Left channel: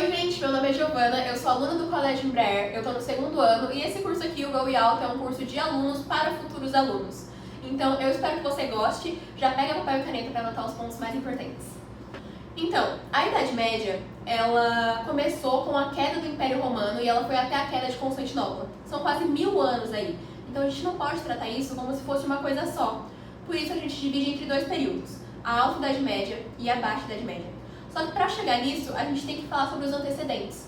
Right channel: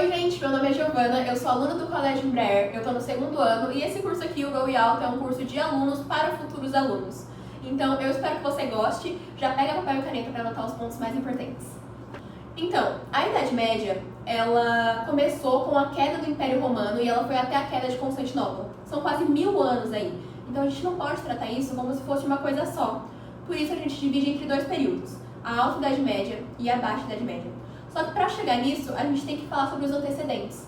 Oi gente, meu nome é Giovana, eu sou aluna do Colégio Embraer, eu tô no segundo ano e esse curso aqui, o Go Alto, é um curso de alunos para futuros alunos. Então eu espero que você goste, já pega papel e caneta para anotar os pontos mais importantes. Então, a Idade Média, ela começou com a queda do Império Romano e ela foi até a queda de Constantinopla. São quase 1000 anos aí, então a gente não pode tratar isso como se fosse uma coisa só. Por isso a gente divide entre dois períodos, a Alta Idade Média e a Baixa Idade Média. Só que para chegar nisso, a gente tem que falar sobre os antecedentes.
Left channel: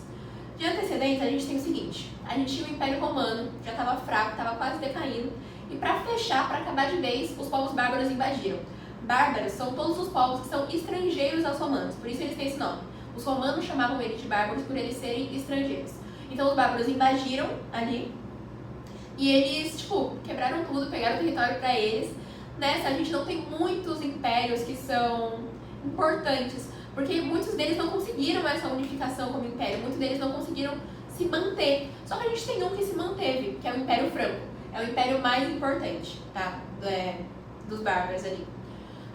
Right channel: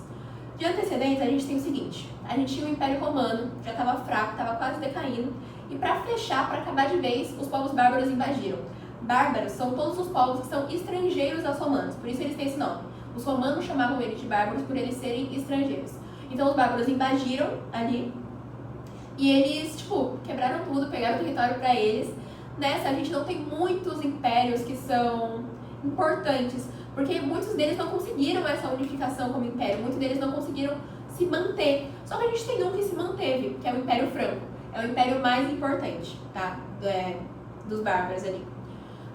De antecedentes, a gente tem o seguinte, a gente tinha o Império Romano, já estava fraco, estava quase decaindo, e para fechar, para acabar de vez, os povos bárbaros invadiram. Bárbaros são todos os povos que são estrangeiros aos romanos, por isso eles têm esse nome. Os romanos chamavam eles de bárbaros por eles serem estrangeiros. Então os bárbaros invadiram ali, e eles, quebraram tudo, pegaram o território para eles. Nessa, a gente não tem muitos impérios que são importantes, porque muitos deles não conseguiram essa unificação como império, muitos deles não conseguiram se manter. Só que a gente tem um que se manteve, que é o Império Franco. É o império mais importante, tá? Dos bárbaros ali.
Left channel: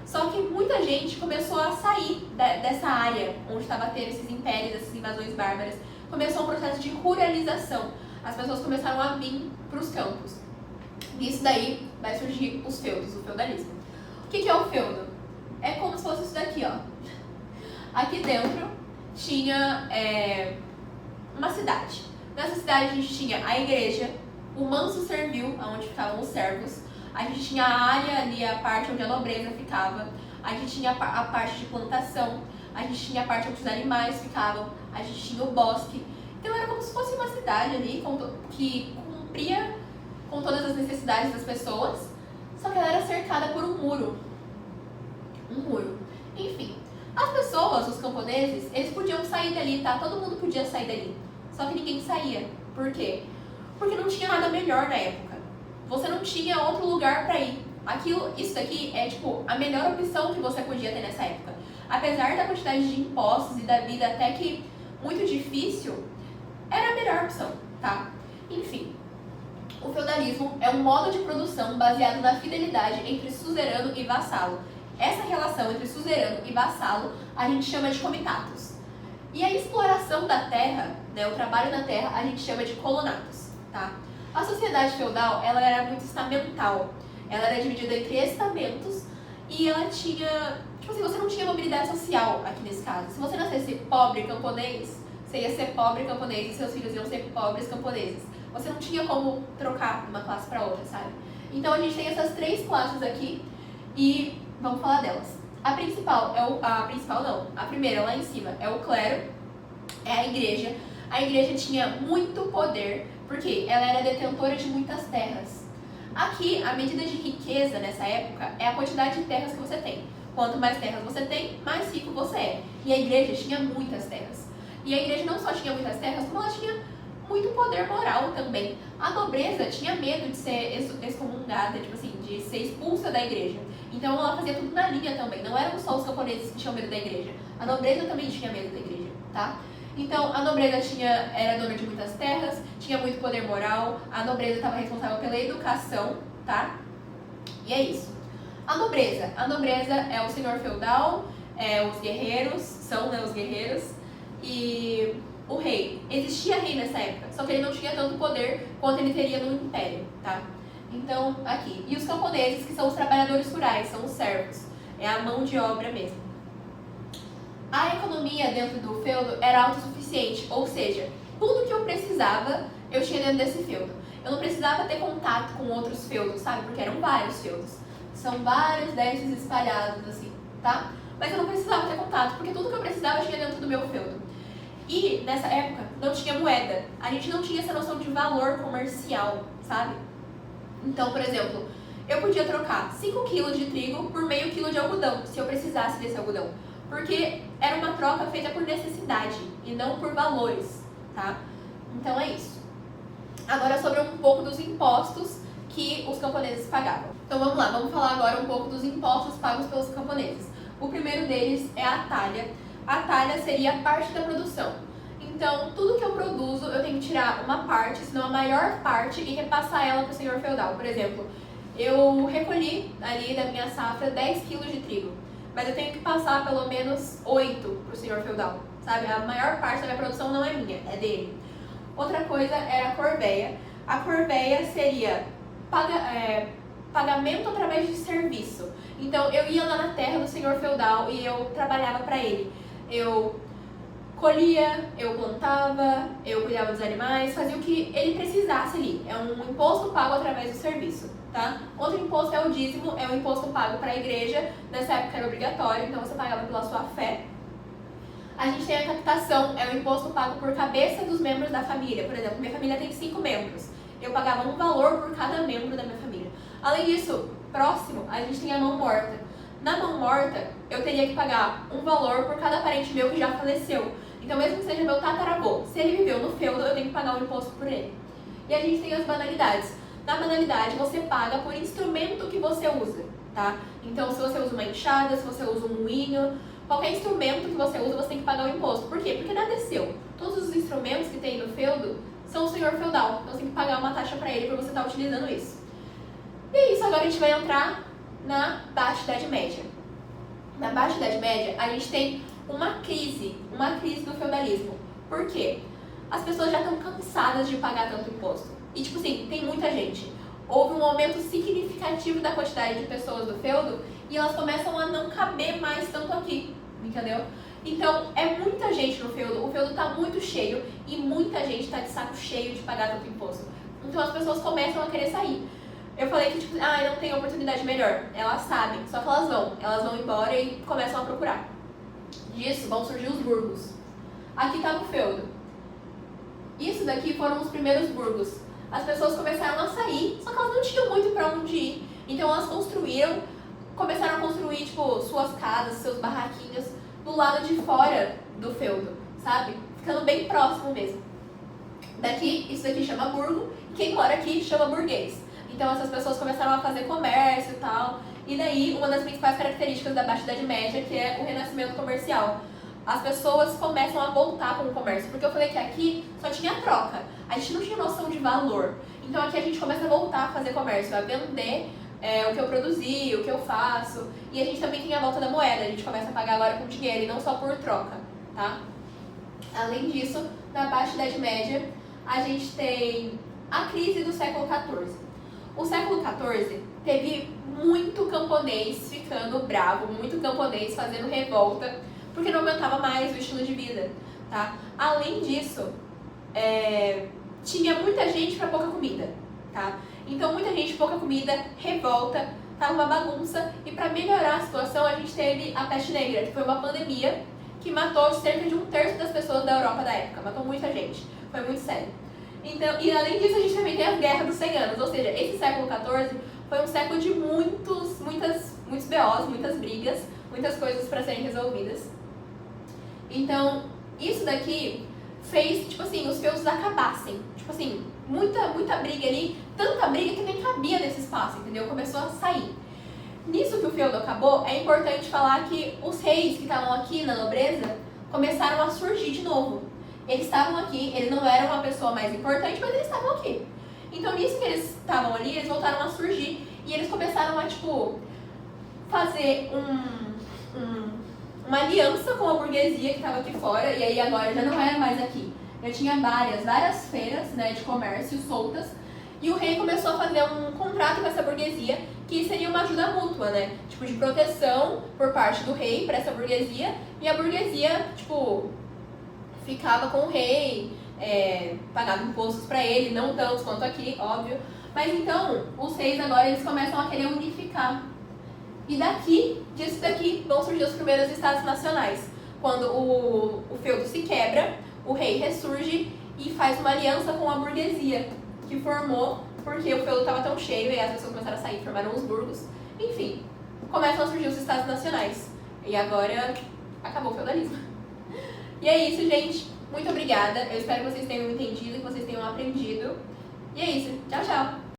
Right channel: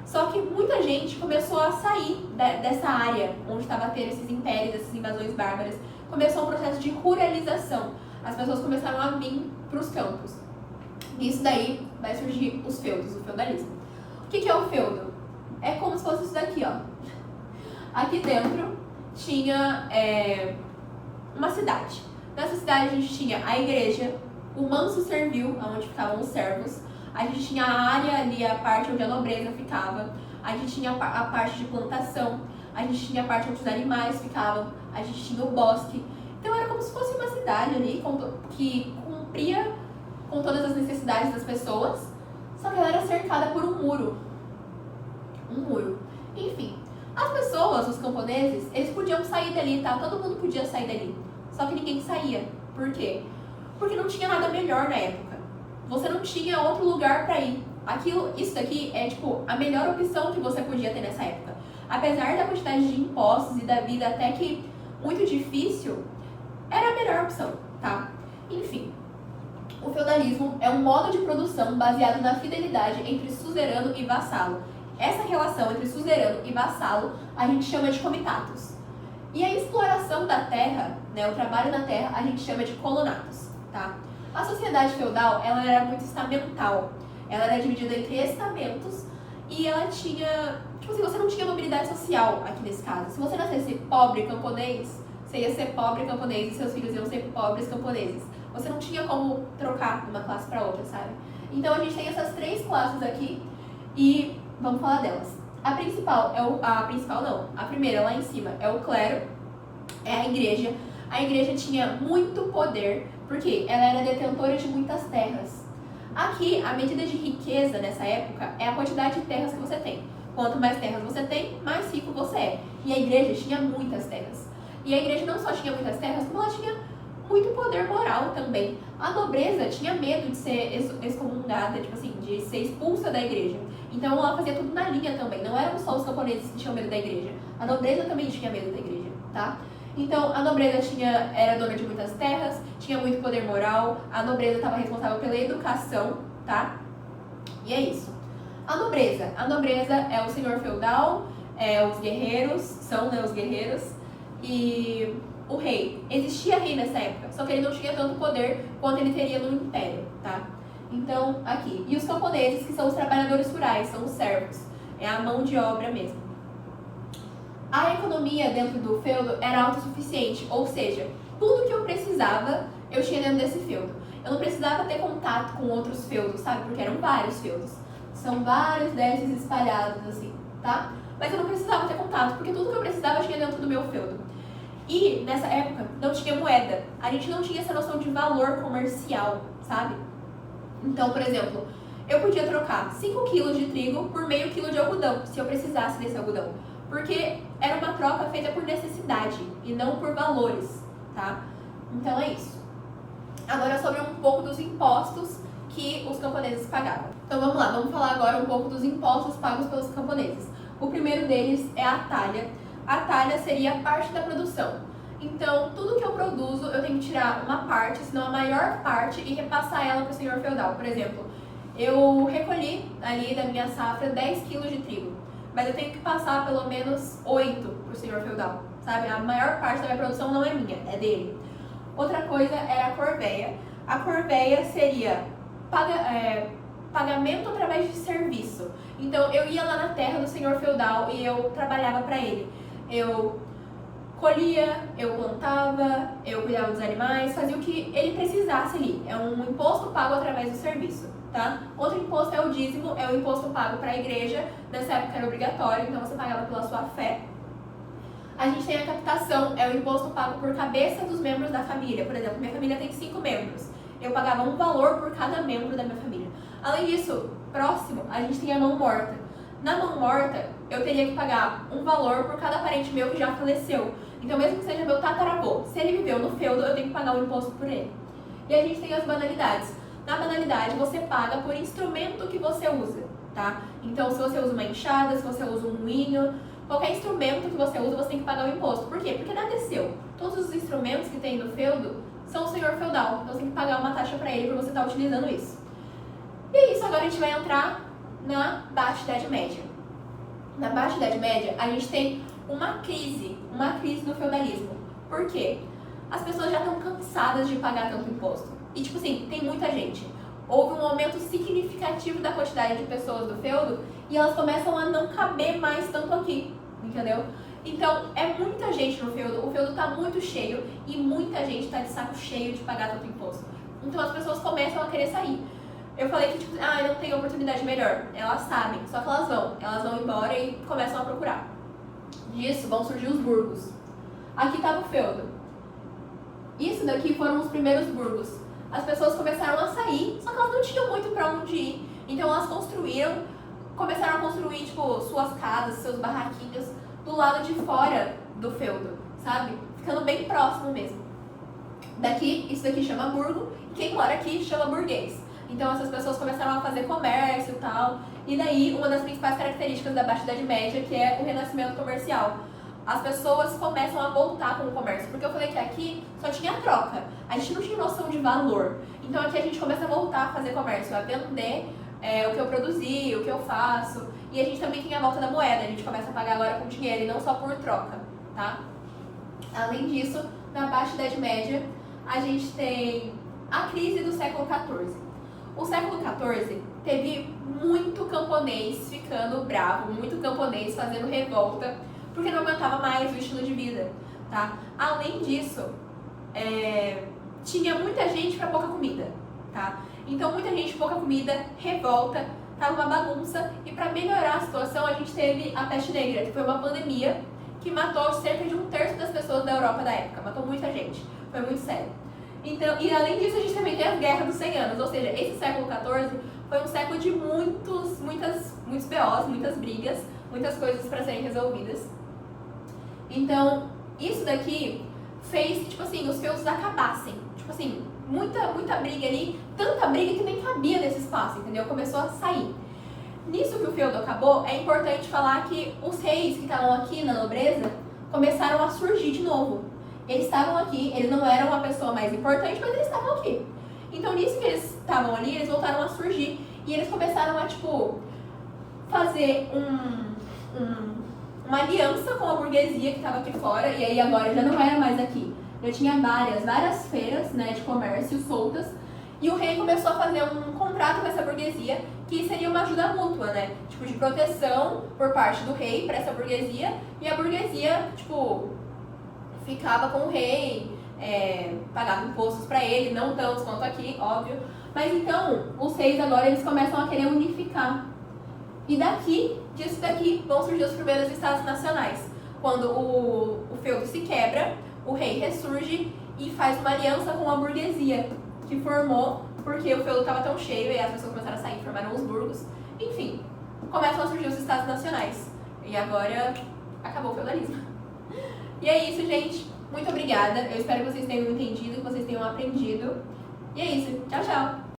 Só que muita gente começou a sair dessa área onde estava tendo esses impérios, essas invasões bárbaras. Começou um processo de ruralização. As pessoas começaram a vir para os campos. Nisso daí vai surgir os feudos, o feudalismo. O que é o feudo? É como se fosse isso daqui, ó. Aqui dentro tinha uma cidade. Nessa cidade a gente tinha a igreja, o manso servil, onde ficavam os servos. A gente tinha a área ali, a parte onde a nobreza ficava. A gente tinha a parte de plantação. A gente tinha a parte onde os animais ficavam. A gente tinha o bosque. Então era como se fosse uma cidade ali que cumpria com todas as necessidades das pessoas. Só que ela era cercada por um muro. Um muro. Enfim, as pessoas, os camponeses, eles podiam sair dali, tá? Todo mundo podia sair dali. Só que ninguém saía. Por quê? Porque não tinha nada melhor na época. Você não tinha outro lugar para ir. Isso daqui é a melhor opção que você podia ter nessa época. Apesar da quantidade de impostos e da vida até que muito difícil, era a melhor opção, tá? Enfim, o feudalismo é um modo de produção baseado na fidelidade entre suzerano e vassalo. Essa relação entre suzerano e vassalo a gente chama de comitatus. E a exploração da terra, o trabalho na terra, a gente chama de colonatus, tá? A sociedade feudal, ela era muito estamental. Ela era dividida entre estamentos e ela tinha... você não tinha mobilidade social aqui nesse caso. Se você nascesse pobre camponês, você ia ser pobre camponês e seus filhos iam ser pobres camponeses. Você não tinha como trocar de uma classe para outra, sabe? Então a gente tem essas três classes aqui e vamos falar delas. A primeira lá em cima é o clero, é a igreja. A igreja tinha muito poder, porque ela era detentora de muitas terras. Aqui, a medida de riqueza nessa época é a quantidade de terras que você tem. Quanto mais terras você tem, mais rico você é. E a igreja tinha muitas terras. E a igreja não só tinha muitas terras, como ela tinha muito poder moral também. A nobreza tinha medo de ser excomungada, de ser expulsa da igreja. Então ela fazia tudo na linha também. Não eram só os camponeses que tinham medo da igreja. A nobreza também tinha medo da igreja, tá? Então a nobreza era dona de muitas terras, tinha muito poder moral. A nobreza estava responsável pela educação, tá? E é isso. A nobreza é o senhor feudal, os guerreiros, são os guerreiros, e o rei. Existia rei nessa época, só que ele não tinha tanto poder quanto ele teria no império, tá? Então, aqui. E os camponeses, que são os trabalhadores rurais, são os servos. É a mão de obra mesmo. A economia dentro do feudo era autossuficiente, ou seja, tudo que eu precisava, eu tinha dentro desse feudo. Eu não precisava ter contato com outros feudos, sabe? Porque eram vários feudos. São vários desses espalhados, assim, tá? Mas eu não precisava ter contato, porque tudo que eu precisava eu tinha dentro do meu feudo. E, nessa época, não tinha moeda. A gente não tinha essa noção de valor comercial, sabe? Então, por exemplo, eu podia trocar 5 kg de trigo por meio quilo de algodão, se eu precisasse desse algodão. Porque era uma troca feita por necessidade e não por valores, tá? Então é isso. Agora sobre um pouco dos impostos que os camponeses pagavam. Então vamos lá, vamos falar agora um pouco dos impostos pagos pelos camponeses. O primeiro deles é a talha. A talha seria a parte da produção. Então, tudo que eu produzo, eu tenho que tirar uma parte, se não a maior parte, e repassar ela para o senhor feudal. Por exemplo, eu recolhi ali da minha safra 10 kg de trigo, mas eu tenho que passar pelo menos 8 para o senhor feudal, sabe? A maior parte da minha produção não é minha, é dele. Outra coisa era a corveia. A corveia seria pagamento através de serviço. Então, eu ia lá na terra do senhor feudal e eu trabalhava para ele. Eu colhia, eu plantava, eu cuidava dos animais, fazia o que ele precisasse ali. É um imposto pago através do serviço, tá? Outro imposto é o dízimo, é o imposto pago para a igreja. Nessa época era obrigatório, então você pagava pela sua fé. A gente tem a captação, é o imposto pago por cabeça dos membros da família. Por exemplo, minha família tem 5 membros. Eu pagava um valor por cada membro da minha família. Além disso, próximo, a gente tem a mão morta. Na mão morta, eu teria que pagar um valor por cada parente meu que já faleceu. Então, mesmo que seja meu tataravô, se ele viveu no feudo, eu tenho que pagar o imposto por ele. E a gente tem as banalidades. Na banalidade, você paga por instrumento que você usa, tá? Então, se você usa uma enxada, se você usa um moinho, qualquer instrumento que você usa, você tem que pagar o imposto. Por quê? Porque nada é seu. Todos os instrumentos que tem no feudo são o senhor feudal. Então, você tem que pagar uma taxa para ele por você estar utilizando isso. E é isso, agora a gente vai entrar na Baixa Idade Média. Na Baixa Idade Média, a gente tem uma crise do feudalismo. Por quê? As pessoas já estão cansadas de pagar tanto imposto. E, tipo assim, tem muita gente. Houve um aumento significativo da quantidade de pessoas do feudo e elas começam a não caber mais tanto aqui, entendeu? Então, é muita gente no feudo, o feudo está muito cheio e muita gente está de saco cheio de pagar tanto imposto. Então, as pessoas começam a querer sair. Eu falei que, tipo, não tem oportunidade melhor. Elas sabem, só que elas vão embora e começam a procurar. Disso vão surgir os burgos. Aqui estava o feudo. Isso daqui foram os primeiros burgos. As pessoas começaram a sair, só que elas não tinham muito para onde ir. Então elas começaram a construir, tipo, suas casas, seus barraquinhos do lado de fora do feudo, sabe? Ficando bem próximo mesmo. Isso daqui chama burgo, e quem mora aqui chama burguês. Então essas pessoas começaram a fazer comércio e tal. E daí, uma das principais características da Baixa Idade Média, que é o renascimento comercial. As pessoas começam a voltar com o comércio, porque eu falei que aqui só tinha troca, a gente não tinha noção de valor. Então aqui a gente começa a voltar a fazer comércio, a vender o que eu produzi, o que eu faço. E a gente também tem a volta da moeda, a gente começa a pagar agora com dinheiro e não só por troca, tá? Além disso, na Baixa Idade Média, a gente tem a crise do século XIV. O século XIV teve muito camponês ficando bravo, muito camponês fazendo revolta, porque não aguentava mais o estilo de vida, tá? Além disso, tinha muita gente para pouca comida, tá? Então, muita gente, pouca comida, revolta, tava uma bagunça. E para melhorar a situação, a gente teve a peste negra, que foi uma pandemia que matou cerca de 1/3 das pessoas da Europa da época. Matou muita gente, foi muito sério. Então, e além disso, a gente também tem a Guerra dos 100 Anos, ou seja, esse século XIV foi um século de muitos BOs, muitas brigas, muitas coisas para serem resolvidas. Então, isso daqui fez que, tipo assim, os feudos acabassem. Tipo assim, muita briga ali, tanta briga que nem cabia nesse espaço, entendeu? Começou a sair. Nisso que o feudo acabou, é importante falar que os reis que estavam aqui na nobreza começaram a surgir de novo. Eles estavam aqui, eles não eram a pessoa mais importante, mas eles estavam aqui. Então, nisso que eles estavam ali, eles voltaram a surgir e eles começaram a, tipo, fazer uma aliança com a burguesia que estava aqui fora, e aí agora já não era mais aqui. Já tinha várias feiras, né, de comércio soltas, e o rei começou a fazer um contrato com essa burguesia, que seria uma ajuda mútua, né, tipo, de proteção por parte do rei para essa burguesia, e a burguesia, tipo, ficava com o rei, pagava impostos para ele, não tantos quanto aqui, óbvio, mas então, os reis agora, eles começam a querer unificar. E disso daqui, vão surgir os primeiros estados nacionais. Quando o feudo se quebra, o rei ressurge e faz uma aliança com a burguesia, que formou porque o feudo estava tão cheio e as pessoas começaram a sair, formaram os burgos. Enfim, começam a surgir os estados nacionais. E agora, acabou o feudalismo. E é isso, gente. Muito obrigada. Eu espero que vocês tenham entendido, que vocês tenham aprendido. E é isso. Tchau, tchau!